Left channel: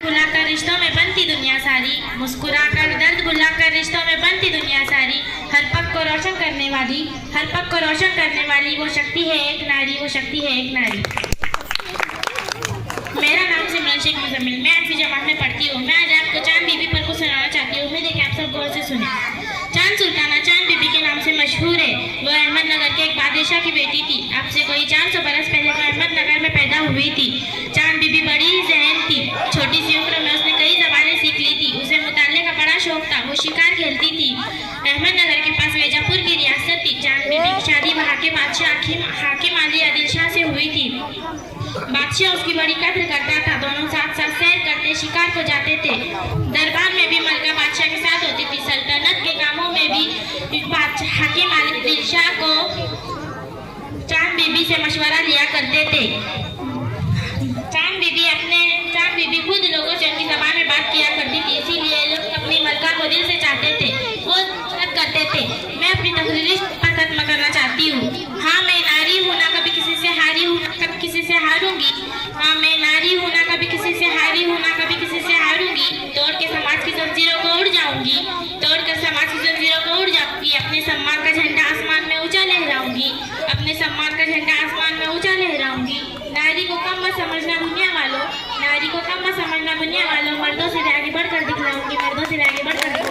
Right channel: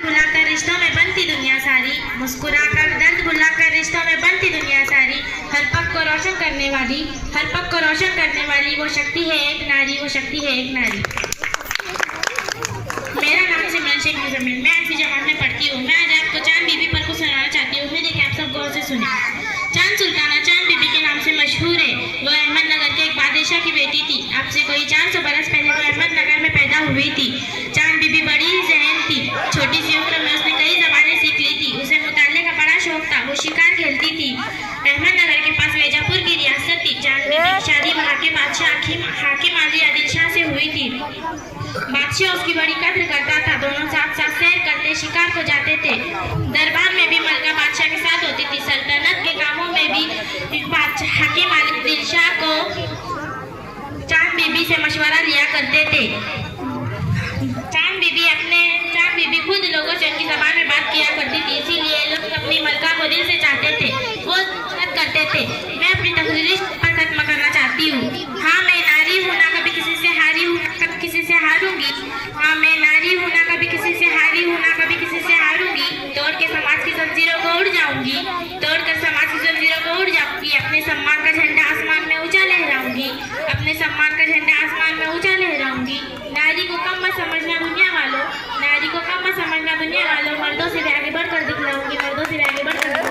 भुलाकर रिश्तों में बनती दुनिया सारी, मुस्कुराकर दर्द भुलाकर रिश्तों में बनती दुनिया सारी। हर पग को रोशन करने वाली, हर पग को रोशन करने वाली वो शक्ति है एक नारी, वो शक्ति है एक नारी। मेरा नाम सिमरन शेख मुजम्मिल, मैं 8वीं जमात में पढ़ती हूँ। मैं आज आपको चांद बीबी पर कुछ सुनाना चाहती हूँ। उम्मीद है कि आप सब गौर से सुने। चांद सुल्ताना चांद बीबी के नाम से मशहूर है। वो अहमदनगर के एक बादशाह की बेटी थी। अब से कोई 400 बरस पहले वो अहमदनगर में पैदा हुई थी। चांद बीबी बड़ी ही ज़हन थी। छोटी सी उम्र में उसने कई ज़बानें सीख ली थी। उसे मुताले का बड़ा शौक था। वो शिकार खेलती थी। अहमदनगर के पास मिर्जापुर की रियासत थी। चांद बीबी की शादी वहाँ के बादशाह हाकिम अली आदिल शाह से हुई थी। बादशाह उसकी बड़ी कद्र करता था। दोनों साथ साथ सैर करते, शिकार को जाते थे। दरबार में भी मलका बादशाह के साथ होती थी। सल्तनत के कामों में भी हाकिम आदिल शाह को चांद बीबी से मशवरा लिया करते थे। चांद बीबी खुद लोगों से उनकी ज़बान में बात किया करती थी। इसीलिए लोग अपनी मलका को दिल से चाहते थे, वो मदद करते थे। मैं अपनी तकरीर खत्म करना चाहती हूँ। हाँ, मैं नारी हूँ, ना कभी किसी से हारी हूँ, ना कभी किसी से हारूंगी। हाँ, मैं नारी हूँ, ना कभी किसी से हारी हूँ, ना कभी किसी से हारूंगी। तोड़ के समाज की जंजीरों को उड़ जाऊंगी, तोड़कर समाज की जंजीरों को उड़ जाऊंगी। अपने सम्मान का झंडा आसमान में ऊंचा लहराऊंगी, अपने सम्मान का झंडा आसमान में ऊंचा लहराऊंगी। नारी को कम मत समझना दुनिया वालों, नारी को कम मत समझना दुनिया वालों। मर्दों से भी आगे बढ़कर दिखलाऊंगी, मर्दों से भी आगे बढ़कर